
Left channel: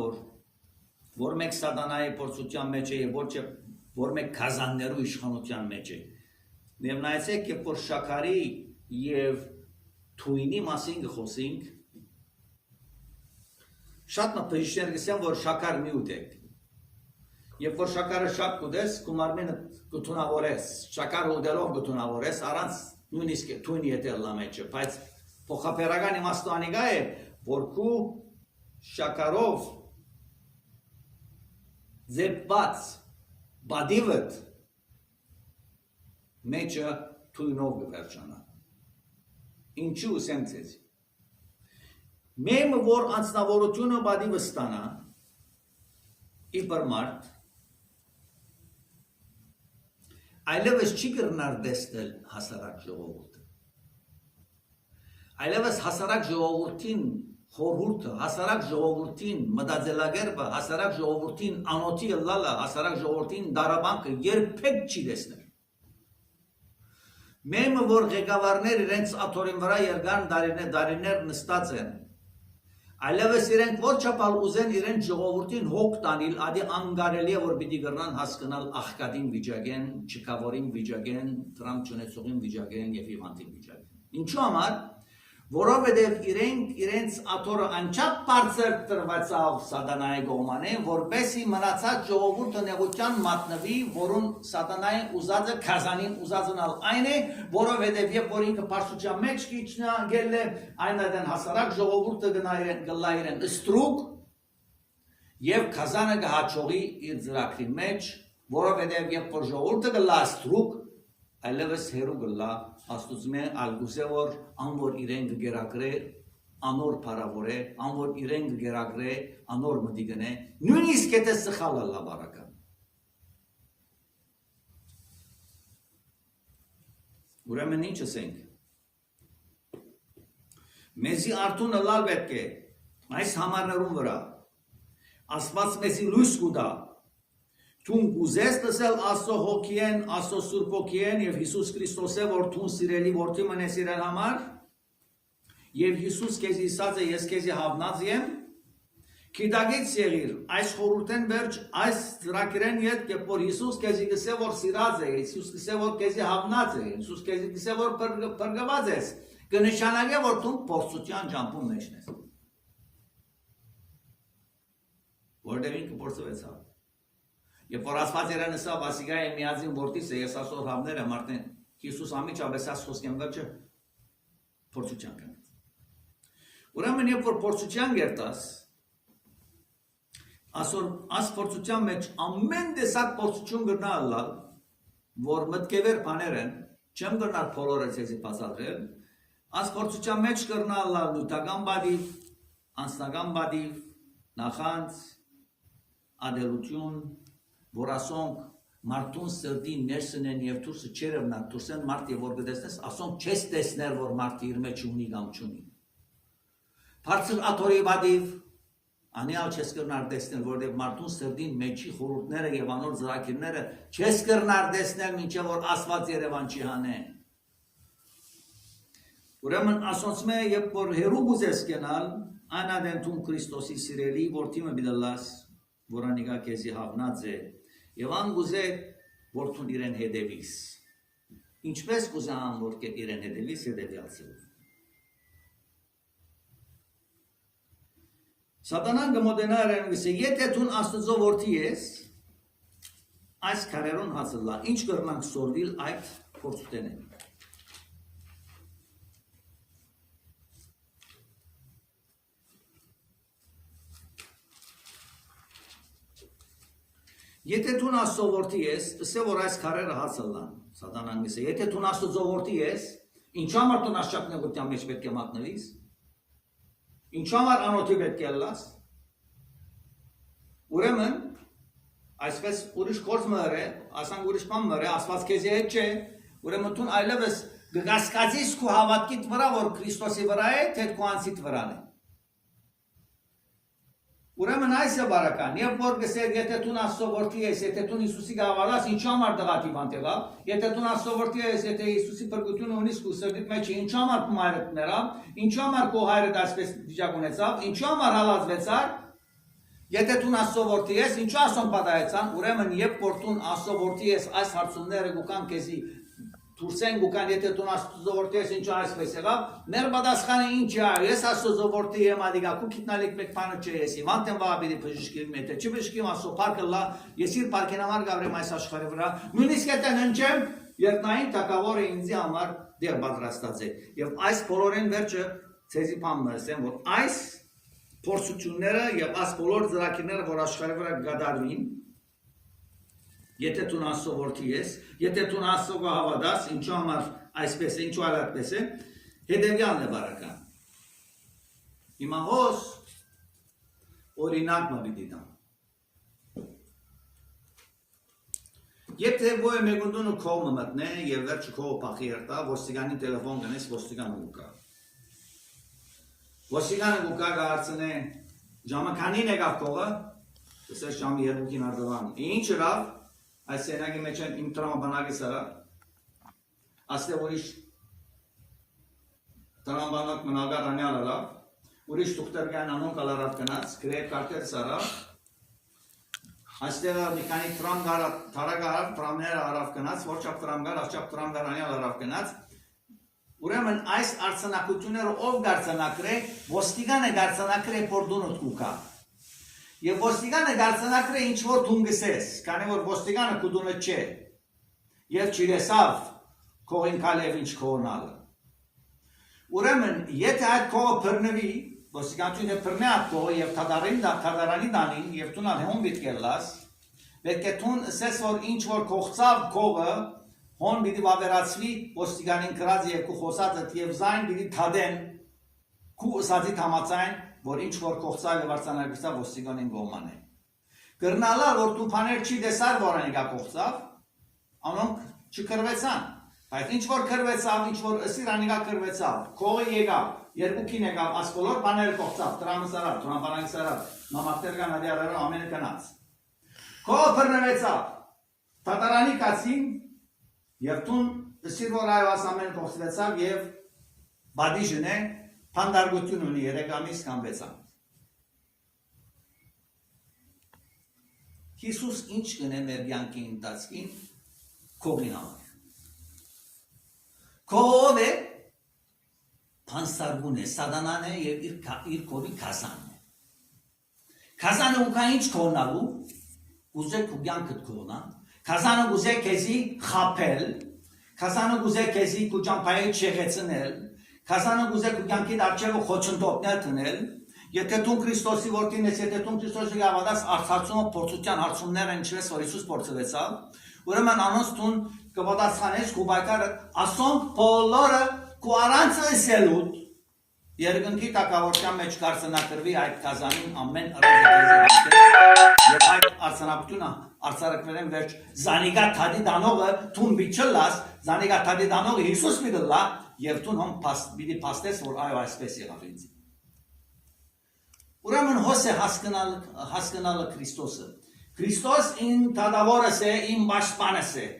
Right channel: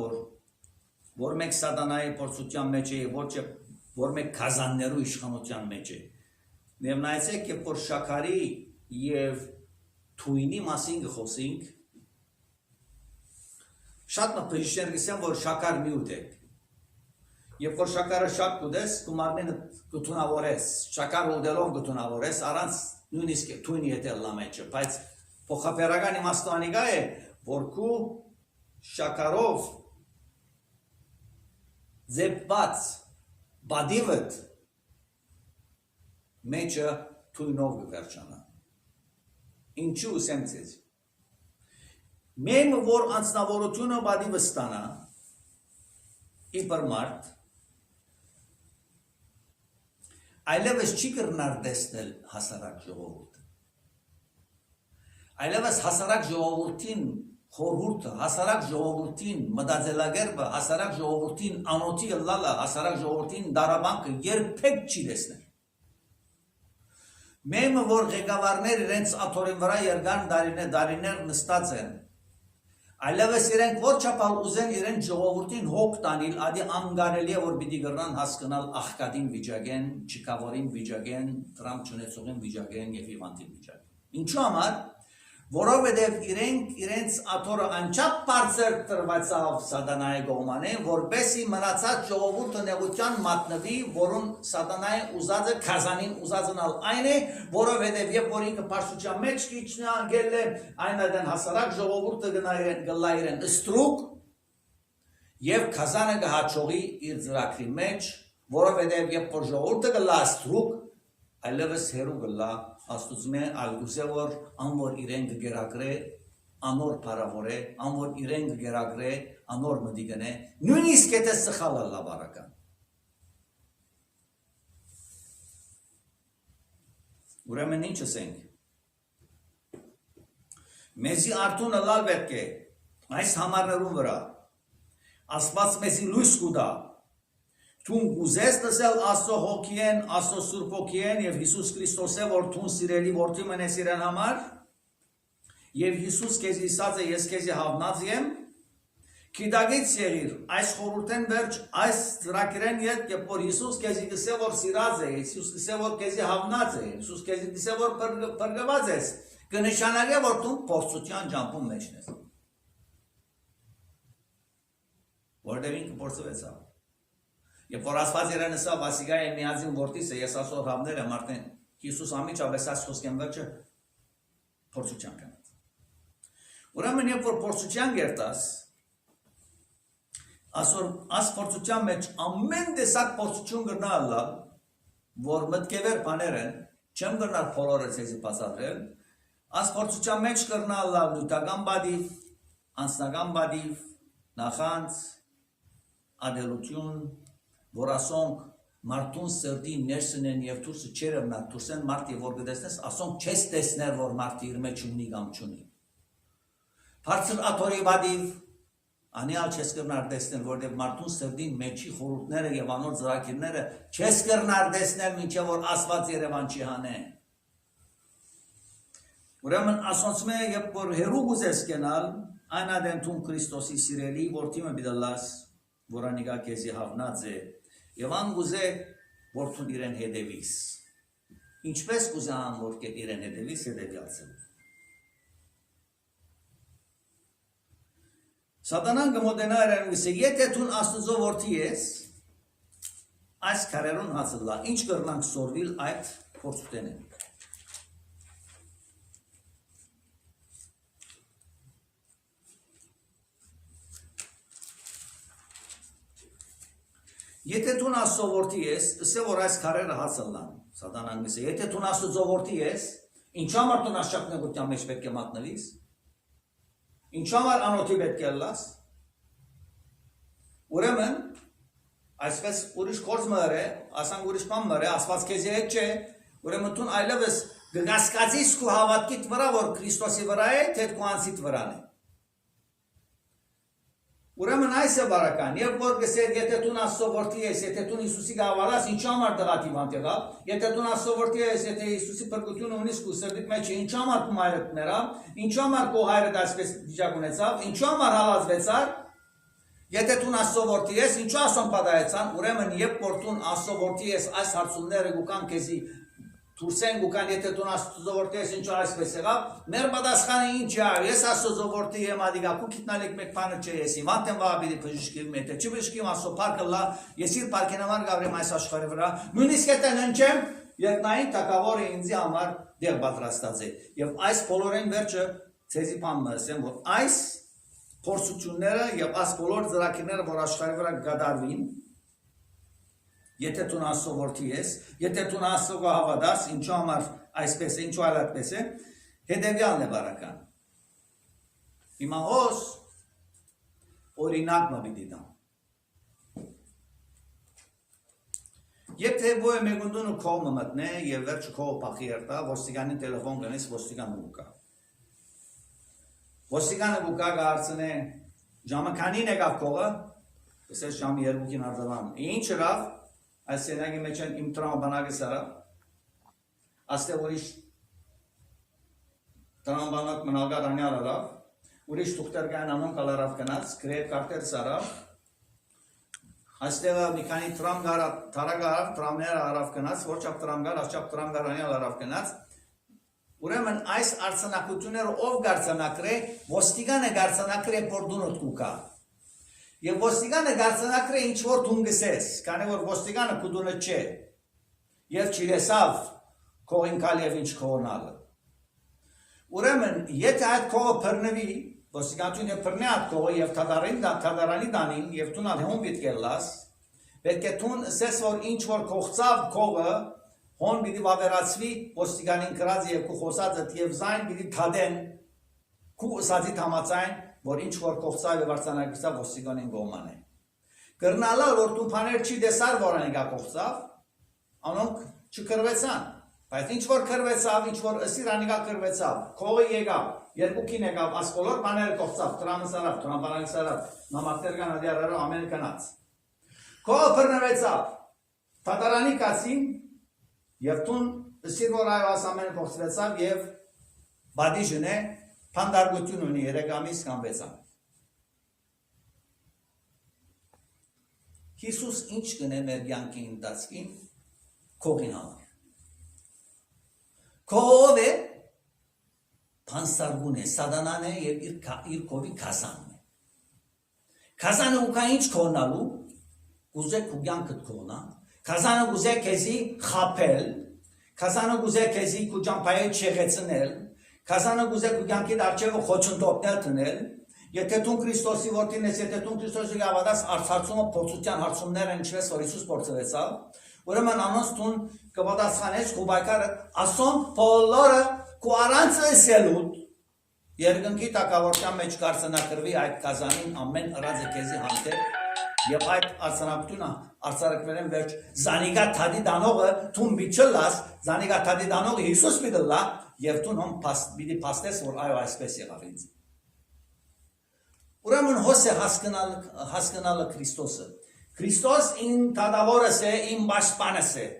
որ մեկ սատանայի փորձության մեջ է եւ որ մեկ Kazanներու իշխանության մեջ է։ Եվ նայեցեք երբ որ շաքարի եւ թույնի մասին խոսենք շատ մտածիչներ գսեն որ շաքար միուտ է։ Երբ որ շաքարը շատ կուտես, կումարմենը կթունավորես, շաքարը ուտելով կթունավորես, առանց նույնիսկ թույնի հետ լա մեջը, բայց փոխապերական իմաստը անիգա է, որ քու շաքարով ձեպված բադիվդ մեջը թույնով կվերջանա։ Ինչու ասեմ ձեզ։ Մեմ որ անձնավորությունը բադիվը ստանա իբր մարդ այլևս չի կրնար դեսնել հասարակ ժողովուրդը։ Այլևս հասարակ ժողովրդին խորհուրդը, հասարակ ժողովրդին մտածելակերպը, հասարակ ժողովրդին անոթի լալը, հասարակ ժողովրդին դարաբանքը երբեք չի դեսնել։ Մեմը որ ղեկավարներ իրենց աթորին վրա երկան դարիներ նստած են, այլևս իրենք ոչ չափալ ուզեն իրենց ժողովրդին հոգ տանել, ադի անգարելի է որ պիտի գրնան հասկանալ աղքատին վիճակեն, չկավորին վիճակեն, տրամփ չունեցողին վիճակեն եւ հիվանդին վիճակեն։ Ինչու համար որովհետև իրենց աթորը անչափ բարձր տրվածավ սատանայի կողմանը, որպեսզի մնացած ժողովուրդը նեղության մատնվի, որոնց սատանայի ուզածը Kazanին ուզածնալ այն է, որովհետև երբ որ ինքը բարձրության մեջ քիչնա գել է, այնադեն հասարակ ժողովուրդը գնա իրեն ստրուկ եւ Kazանը կհաջողի իր ծրագրի մեջ, որովհետև երբ որ ժողովուրդը գլա ստրուկ, այլևս հերու գլա Աստուծմե ալգուսե որ անոր իրեն գերագրե անոր բարավորե անոր իրեն գերագրե անոր մդիգնե նույնիսկ եթե սխալը լա բարական ուրեմն ինչ ասենք մեզի արտունը լալ պետք է այս համարներուն վրա Աստված մեզի լույս կուտա։ Թուն գուզես տեսել Աստծո հոգին, Աստծո Սուրբ հոգին եւ Հիսուս Քրիստոսը, որ թուն սիրելի որդի մնես իրեն համար, եւ Հիսուս քեզի ասած է, ես քեզի հավնած եմ, Կիդագից եղիր, այս խորհուրդեն վերջ, այս ծրագրեն ետ, երբ որ Հիսուս քեզի գսե, որ սիրած է, Հիսուս գսե, որ քեզի հավնած է, Հիսուս քեզի գսե, որ պրգված ես, կնշանակե, որ դու փորձության ջամփում մեջն ես։ Որտեղ ինքը փորձվեցավ։ Երբ որ Աստված իրեն ասա, «Վասիգա եմ միածին որդիս է, ես Աստծո հավներ եմ», արդեն Հիսուս ամիջապես այս խոսքեն վերջը փորձության կնած։ Ուրեմն երբ որ փորձության գերտաս, Այս փորձության մեջ ամեն տեսակ փորձություն գտնալ, որ մտքևեր բաներ են, չեմ գնալ բոլորը ցեզի բացատրել, այս փորձության մեջ գտնալ նյութական բադիվ, անձնական բադիվ, նախանց, ադելություն, որ ասոնք մարդուն սրդի ներսն են եւ դուրսը չերևնա, դուրսեն մարդ եւ որ գտեսնես, ասոնք չես տեսներ, որ մարդը իր մեջ ունի կամ չունի։ Բարձր աթորի բադիվ Անիալ չես կրնար դեսնել, որտեղ մարդուն սրդին մեջի խորհուրդները եւ անոր ծրագիրները չես կրնար դեսնել, մինչեւ որ Աստված Երևան չի հանե։ Ուրեմն ասոնցմե երբ որ հերու գուզես կենալ, անադենտում Քրիստոսի սիրելի որդի մը բիդալաս, որ անիկա քեզի հավնած է, եւ ան գուզե որդուն իրեն հետևիս։ Ինչպես գուզե ան որ իրեն հետևիս հետևյալցել։ Սատանան գմոդենա երեն գսե, եթե թուն Աստծո որդի ես, այս քարերուն հացլա, ինչ կրնանք սորվիլ այդ փորձուտենեն։ Եթե թուն Աստծո որդի ես, ասե որ այս քարերը հացլան, Սատանան գսե, եթե թուն Աստծո որդի ես, ինչ համար թուն աշճակնեղության մեջ պետք է մատնվիս, ինչ համար անոթի պետք է լաս, ուրեմն, այսպես ուրիշ կորձ մըր է, ասանք ուրիշ պան մըր է, ասված կեզի հետ չէ, ուրեմն թուն այլևս գգասկացիս կու հավատքիտ վրա, որ Քրիստոսի վրա է, թետ կու անցիտ վրան է։ Ուրեմն այս է բարական, երբ որ գսեր, եթե թուն Աստծո որդի ես, եթե թուն Հիսուսի գավարաս, ինչ համար դղատիվ անտեղա, եթե թուն Աստծո որդի ես, եթե Հիսուսի պրգություն ունիս կու սրդիտ մեջ, ինչ համար կու հայրդ նրա, ինչ համար կու հայրդ այսպես վիճակ ունեցավ, ինչ համար հալազվեցար, եթե թուն Աստծո որդի ես, ինչ ասոն պատահեցան, ուրեմն երբ որ թուն Աստծո որդի ես, այս հարցումները գուկան քեզի Թուրսեն գուկան, եթե տուն Աստծո որդի ես ինչ այսպես եղավ, մեր պատասխանը ինչ է, ես Աստծո որդի եմ ադիգա, կու կիտնալիք մեկ բանը չէ եսի, վանտեմ վաբիրի բժշկիվ մետը, չի բժշկիվ Աստծո պարկը լա, ես իր պարկենամար գավրեմ այս աշխարի վրա, նույնիսկ եթե ննչեմ, երկնային թակավորը ինձի համար դեղ պատրաստած է, և այս բոլորեն վերջը ցեզի բան մսեմ, որ այս փորձությունները և այս բոլոր ծրագիրները, որ աշխարի վրա գդարվին, Եթե տուն Աստծո որդի ես, եթե տուն Աստծո հավատաս, ինչու համար այսպես է, ինչու այդպես է, հետևյալն է բարական։ Հիմա հոս օրինակ մը պիտի տամ։ Եթե ոյ մեգունդունը քողը մտնե եւ վերջը քողը փախի երտա, ոստիկանին տելեֆոն գնես, ոստիկանը գուկա։ Ոստիկանը գուկա գարցնե ժամը քանին եկավ քողը, ասես ժամը 2-ին արձավան։ Ինչ ըրավ Այս սենագի մեջ են իմ տրամաբանակի սարա, աստեղ ուրիշ տրամաբանակ մնալգար անյալ ալավ, ուրիշ թուղթերգային անուն կալարավ կնած, գրեև կարտեր սարավ, աստեղ մի կանի թարագ արավ, տրամներ արավ կնած, որչապ տրամգար, աշապ տրամգար անյալ արավ կնած, ուրեմն այս արցանակությունները ով գարցանակր է, ոստիգանը գարցանակր է պորդունոտ կուկա, Եվ ոստիգանը գարցանակր է ինչ-որ թուն գսես, կանի որ ոստիգանը կուդունը չէ, և չիրեսավ կողին կալև ինչ կողնալը։ Ուրեմն, եթե այդ կողը պրնվի, ոստիգանություն է պրնե այդ կողը և թադարանի դանին, և թունալ հոն վիտկելլաս, պետք է թուն սես որ ինչ-որ կողցավ կողը, հոն բիդի վավերացվի ոստիգանին կրած և կու խոսածըտ և զայն բիդի թադեն, կու ըսածի թամացայն, որ ինչ որ կողցավ և արցանագստավ ոստիգանին գոման է։ Կրնալա, որ տուպաներ չի դեսար, որ անիկա կողցավ, անոնք չկրվեցան, բայց ինչ որ կրվեցավ, ինչ որ ըսիր անիկա կրվեցավ, կողը եկավ, երկուքին եկավ, այս բոլոր բաները կողծավ, տրամը սարավ, տրամբանակ սարավ, նամակներ կան ադիարարով ամեն կնաց։ Քո բռնվեցավ, թատարանի կացին, և տուն սիր որ այո աս ամեն կողծվեցավ և բադիժն է, պանդարգություն ունի 3 ամիս կամ 6 ամիս։ Հիսուս ինչ կնե մեր կյանքի ընթացքին քողին համար։ Քով է փանստարգուն է, սատանան է և իր քովի քազանն է։ Քազանը ուկա ինչ քողնալու, ուզե քու կյանքդ քողնա, քազանը ուզե քեզի խապել, քազանը ուզե քեզի քու ճամփայի չեղեցնել, քազանը ուզե քու կյանքիդ արջևը խոչընդոտներ տնել, եթե դու Քրիստոսի որդին ես, եթե դու Քրիստոսի գավադաս արծարծումը փորձության հարցումները ինչպես որ Հիսուս փորձվեցավ, ուրեմն անոնց դու կպատասխանես քու բայկարը ասոնք բոլորը քու առանց լսելուդ երկնքի տակավորության մեջ կարձնակրվի այդ կազանին ամեն ըրաձը քեզի հանդեպ եւ այդ արցանակությունը արցարակվելեն վերջ զանիգա թադի դանողը դու բիչլաս զանիգա թադի դանողը Հիսուս միտլա եւ դու հոմ պիտի փաստես որ այո այսպես եղավ ինձ Ուրեմն հոս է հասկանալը Քրիստոսը Քրիստոս իմ թադավորս է իմ պաշտպանս է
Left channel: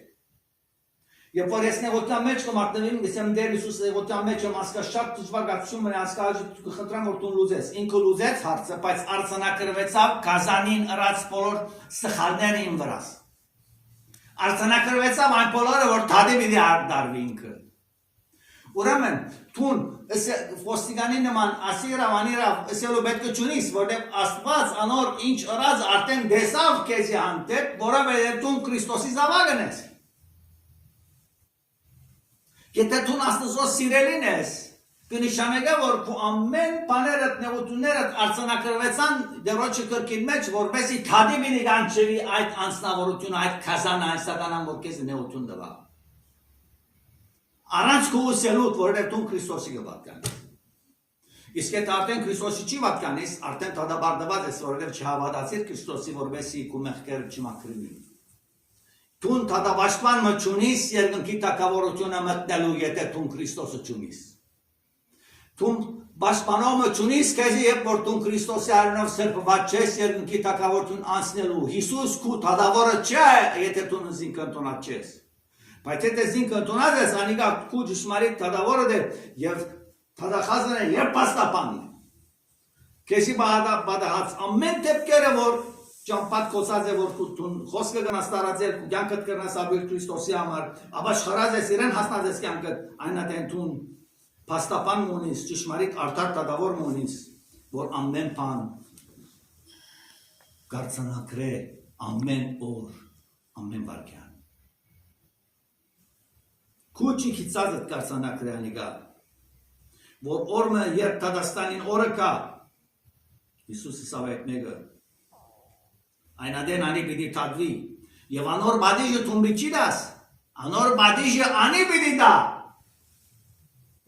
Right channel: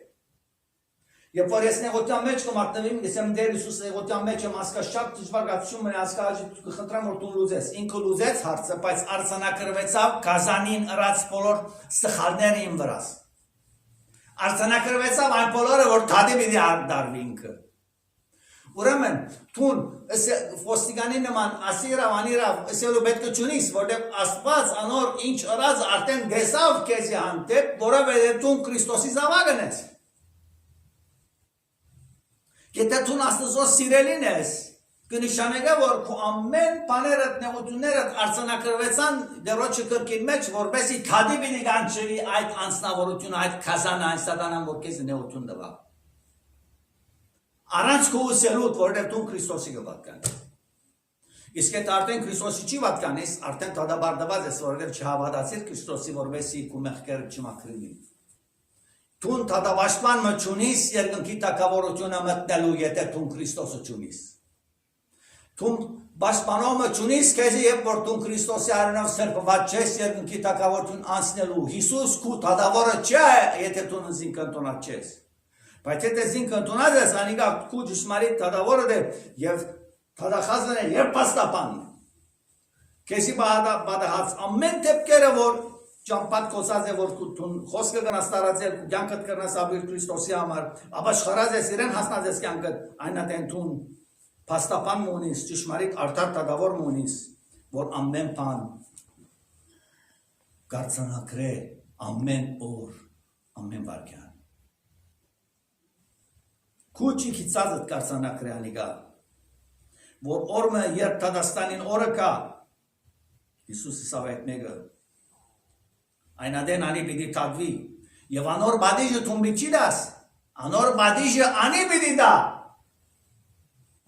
Երբ որ ես նեղության մեջ կմատնվեմ, գսեմ դեր Հիսուս նեղության մեջ եմ ասկա շատ դժվարություն մնա ասկա կխնդրեմ որ դու լուծես ինքը լուծեց հարցը բայց արցանակրվեցավ գազանին ըրած բոլոր սխալները իմ վրաս արցանակրվեցավ այն բոլորը որ թադի պիտի դարվի ինքը Ուրեմն թուն ոստիկանի նման ասիրավ անիրավ ասելու պետք է չունիս որտեղ Աստված անոր ինչ ըրած արդեն դեսավ քեզի հանդեպ որովհետև դու Քրիստոսի զավակն ես Եթե դու Աստծո սիրելին ես, կնշանակե որ քո ամեն բաներդ, նեղություններդ արցանակրվեցան դերոջի կրկին մեջ, որպեսզի թադի բինի գանչվի այդ անձնավորությունը, այդ քազանը, այն սատանան, որ քեզ նեղություն տվա։ Առանց քո ուսելուդ, որովհետև դու Քրիստոսի կպատկանես։ Իսկ եթե արդեն Քրիստոսի չի պատկանես, արդեն դադաբարդված ես, որովհետև չհավատացիր Քրիստոսի, որպեսզի քո մեղքերը չմաքրվի։ Տուն թադավաշտման մչունիս երկնքի տակավորությունը մտնելու եթե տուն Քրիստոսը չունիս։ Տուն բաշտպանող մչունիս քեզի երբ որ տուն Քրիստոսի արյունով սրբված ես երկնքի տակավորություն անցնելու։ Հիսուս քու թադավորը չէ, եթե տուն զինք ընտոնած չես։ Բայց եթե զինք ընտոնած ես, անիկա քու ճշմարիտ թադավորը դե եւ թադախազն է եւ պաստապանն է։ Քեզի բադահած ամեն դեպքերը որ Ճամփատ կոսած է որ դու խոսքը գնաս տարածել ու կյանքդ կրնաս ապրել Քրիստոսի համար, ապաշխարած ես իրեն հասնած ես կյանքդ, այնատեն դու փաստապան ունես, ճշմարիտ արդար տադավոր ունես, որ ամեն բան կարձանակրե ամեն օր, ամեն վարքյան։ Քուչի քիծածդ կարձանակրե անիկա, որ օրը երբ Դադաստանին օրը կա, Հիսուս իսավ այդ մեկը Այնադեն անի պիտի կատվի, և անոր բադիժը թուն բիչի դաս, անոր բադիժը անի պիտի դա,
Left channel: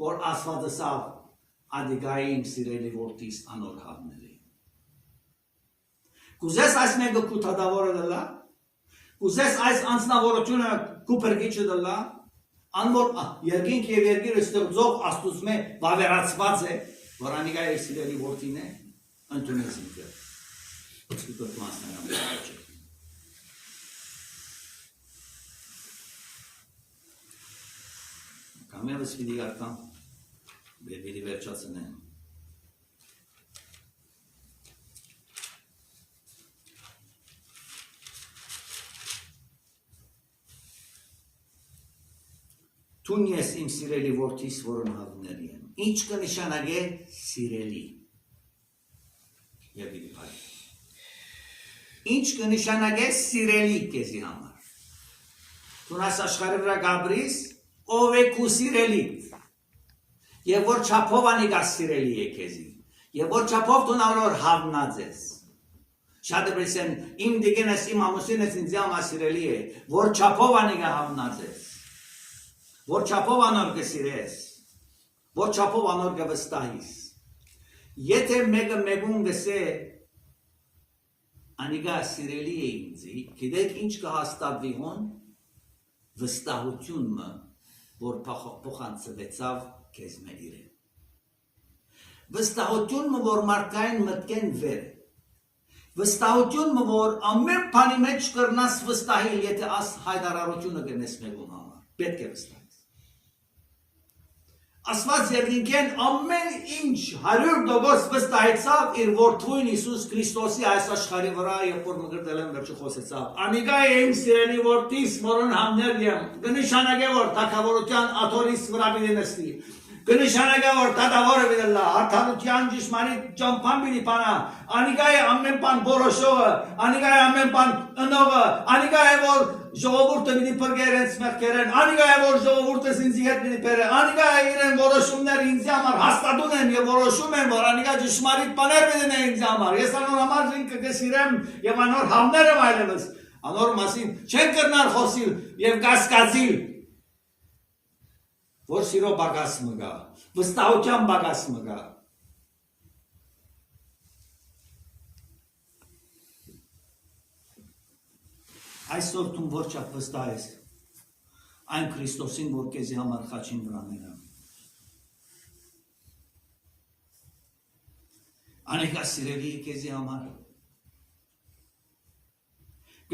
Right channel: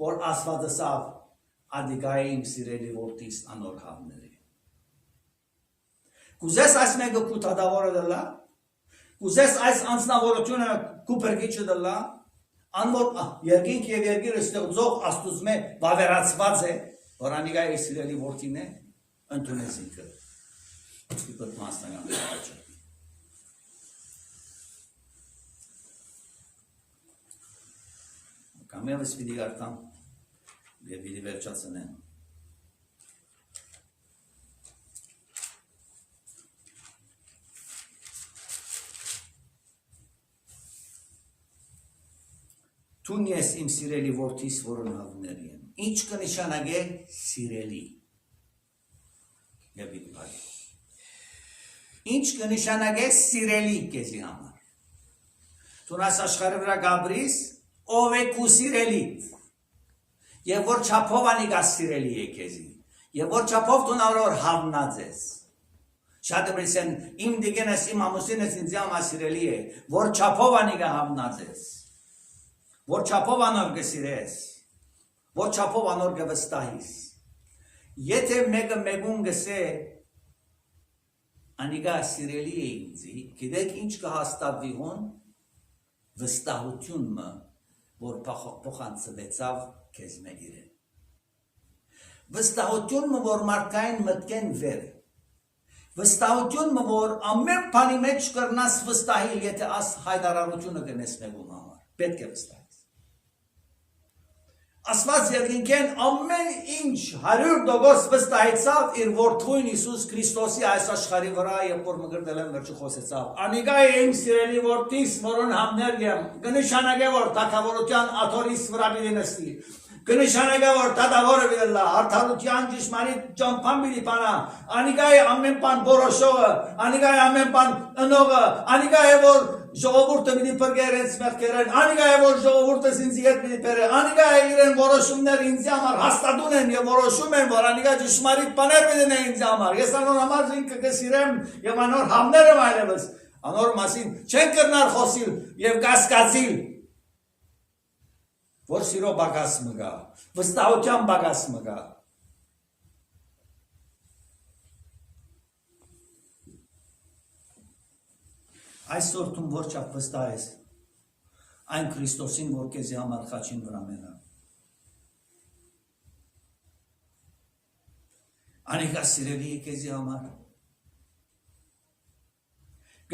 որ ասվածը սավ ադիգայի իմ սիրելի որդիս անոր հավների։ Կուզես այս մենգը կու թադավորը դլա, կուզես այս անձնավորությունը կու պրգիչը դլա, անոր երգինք և երգիրը ստեղծող աստուծմե վավերացված է, որ անիգայի սիրելի որդին է, ընդունես ինքը։ Դուք մասնական աճը։ Կամերս պիտի արկամ և պիտի վերջացնեմ։ Տուն ես իմ սիրելի որդիս որոն հավների եմ։ Ինչ կնշանագե սիրելի։ Եվ պիտի պարի։ Ինչ կնշանագե սիրելի քեզի համար։ Դու այս աշխարհի վրա գաբրիս, ով է քու սիրելիդ։ Եվ որ չափով անիկա սիրելի է քեզի։ Եվ որ չափով դու նոր հավնած ես։ Շատը բերսեն իմ դիգենս իմ ամուսինս ինձ համար սիրելի է, որ չափով անիկա հավնած ես։ Որ չափով անոր կսիրես։ Որ չափով անոր կվստահիս։ Եթե մեկը մեկուն գսե Անիկա սիրելի է ինձի, գիտեք ինչ կհաստատվի հոն, վստահությունը, որ փոխանցվեցավ քեզ մե իրեն։ վստահություն որ մարդկային մտքեն վեր է, վստահություն որ ամեն բանի մեջ կրնաս վստահել, եթե աս հայտարարությունը գնես մեկում համար, պետք է վստահես։ Աստված երկինքեն ամեն ինչ 100% վստահեցավ իր որդուն Հիսուս Քրիստոսի այս աշխարհի վրա, երբ որ մգրտել են վերջի խոսեցավ։ Անիկա է իմ սիրելի որդիս, որոն համներ եմ, կնշանակե որ թագավորության աթորից վրա պիտի նստի, կնշանակե որ դատավորը պիտի լա, արդարության ճշմարիտ ճամփան պիտի բանա, անիկա է ամեն բան որոշողը, անիկա է ամեն բան ընողը, անիկա է որ ժողովուրդը պիտի բրգերենց մեղքերեն, անիկա է որ ժողովուրդը ինձի հետ պիտի բերե, անիկա է իրեն որոշումները ինձ համար հաստատուն են եւ որոշում են, որ անիկա ճշմարիտ բաներ պիտի նե ինձ համար, ես անոր համար ինքը կսիրեմ եւ անոր համները այլևս, անոր մասին չեն կրնար խոսիլ եւ կասկածիլ, որ սիրո բագաս մգա, վստահության բագաս մգա։ Այսօր դու ոչ չափ վստահ ես այն Քրիստոսին, որ քեզի համար խաչին վրա մենա։ Անիկա սիրելի է քեզի համար։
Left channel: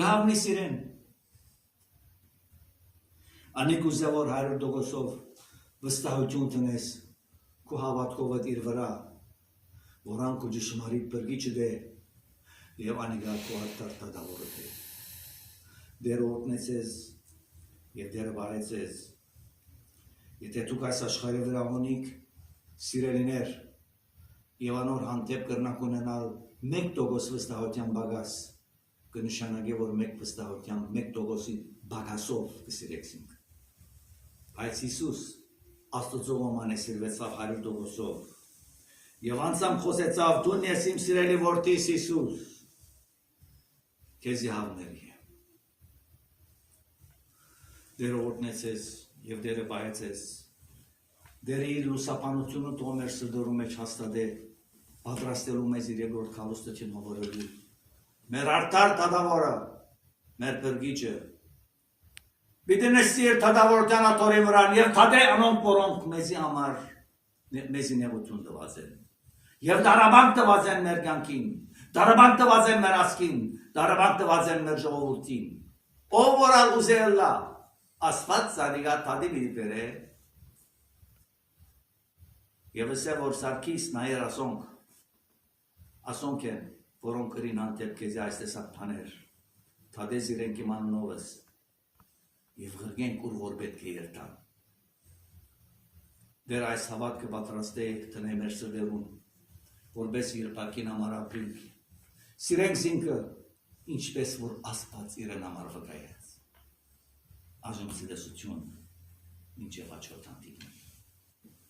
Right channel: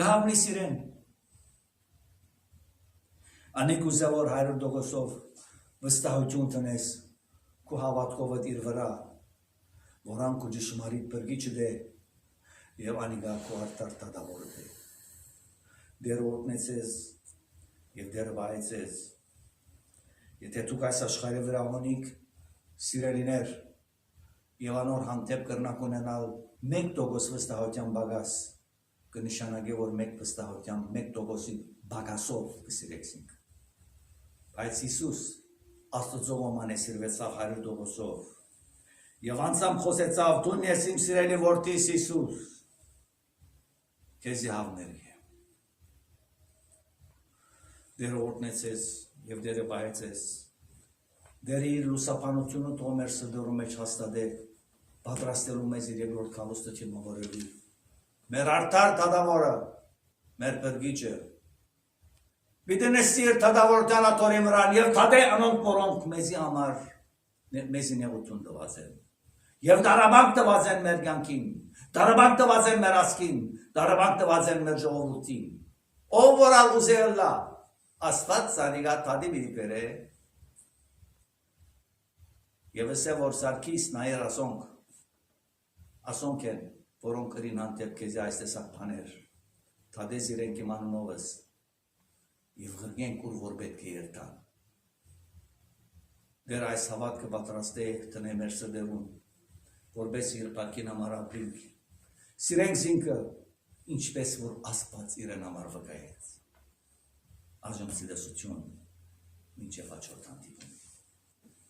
Գահավնի սիրեն։ Անիկ ուզե որ 100%-ով վստահություն տնես քո հավատքովդ իր վրա, որ անկու ճշմարիտ բրգիչը դե եւ անիկա քո արդար դատավորը դե։ Դեր օտնեցես եւ դեր վայեցես, եթե դուք այս աշխարհի վրա ունիք սիրելիներ եւ անոր հանդեպ կրնակ ունենալ 1% վստահության բագաս, կնշանակի որ 1%-ի բագասով կսիրեցինք։ Բայց Հիսուս Աստծո ոման է սիրվեցավ 100%-ով եւ անցամ խոսեցավ դու ես իմ սիրելի որդիս Հիսուս, քեզի հավների դերը օրտնեցես և դերը բայեցես, դերը իր լուսապանությունը տո մեր սրդորում մեջ հաստադե, պատրաստելու մեզ իր երկրորդ քալուստը չմավորելու, մեր արդար դատավորը, մեր բրգիչը, պիտի նստի իր դատավորության աթորի վրան և թադե անոնք որոնք մեզի համար, մեզի նեղություն տված են, և դարաբանք տված են մեր կյանքին, դարաբանք տված են մեր ասկին, դարաբանք տված են մեր ժողովրդին, ով որ ուզել լա, Աստված սանիգա թադի պիտի բերե եւ ասե որ Սարգիս նայեր ասոնք են որոնք կրին հանդեպ քեզի այս տեսակ բաներ թադես իրենք իման նովս եւ գրգեն կուր որ պետք է երթան դեր այս հավատքը պատրաստե տնե մեր սրդերուն որպես իր բակին համար ապրենք սիրենք զինքը ինչպես որ Աստված իրեն համար վկայեց Այժմ սիրեցություն մինչև հաջորդ հանդիպում